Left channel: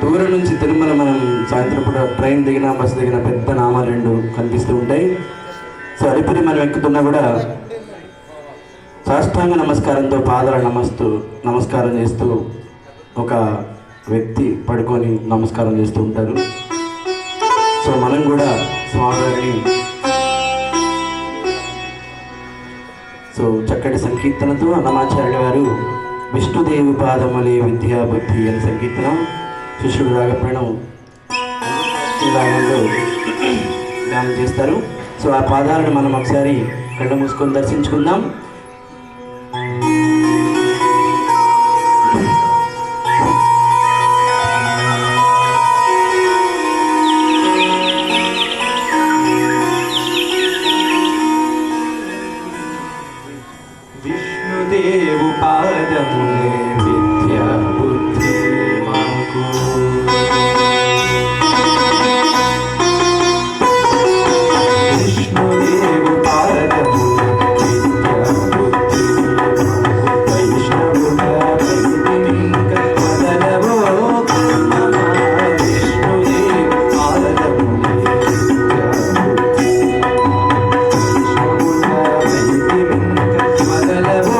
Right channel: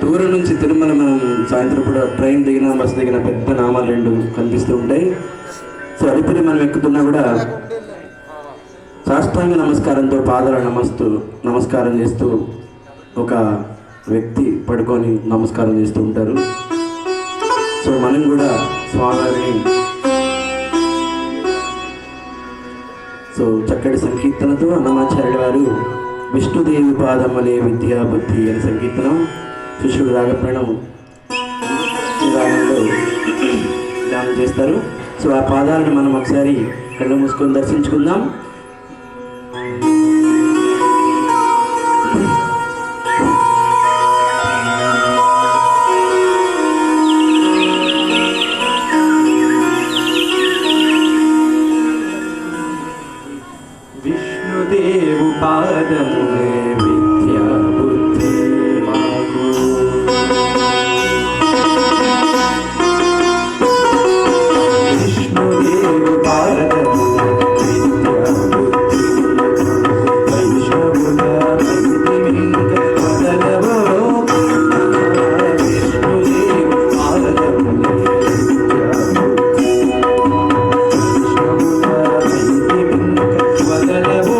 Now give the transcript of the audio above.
దూరం నుంచి తిరుమల మనం సాయంత్రం పూట ట్రైన్ దిగిన బస్సు దిగిన పెద్ద నామాలు రెండు కనిపిస్తూ ఉంటాయి. సో అడిపిరి మనం ఎక్కుతున్నా కూడా సాష్టాంగ నమస్కారంతో పాదాల నమస్కారం చేస్తూ ఒక వ్యక్తి పడుకొని నమస్కారం చేస్తూ ఉంటారు. సో మనం కూడా స్వామివారిని సో చక్కటి సంకీర్తనతో అన్నమాచార్యుల వారు విష్ణుదేవి పాదములే విద్యా బుద్ధి అనే సంకీర్తనం శిష్యుడు రాగపడడం గానం చేస్తారు. సో ఆ పాదాలను మనం ఒకసారి కళ్ళు మూసుకొని దర్శించుకుందాం. విష్ణుదేవు పాదములే విద్యా బుద్ధి మాకు విష్ణుదేవు పాదములే విద్యా బుద్ధి వైష్ణవుల ప్రతిమింక మదనవో విష్ణుదేవు పాదములే విద్యా బుద్ధి వైష్ణవుల ప్రతిమింక మదనవో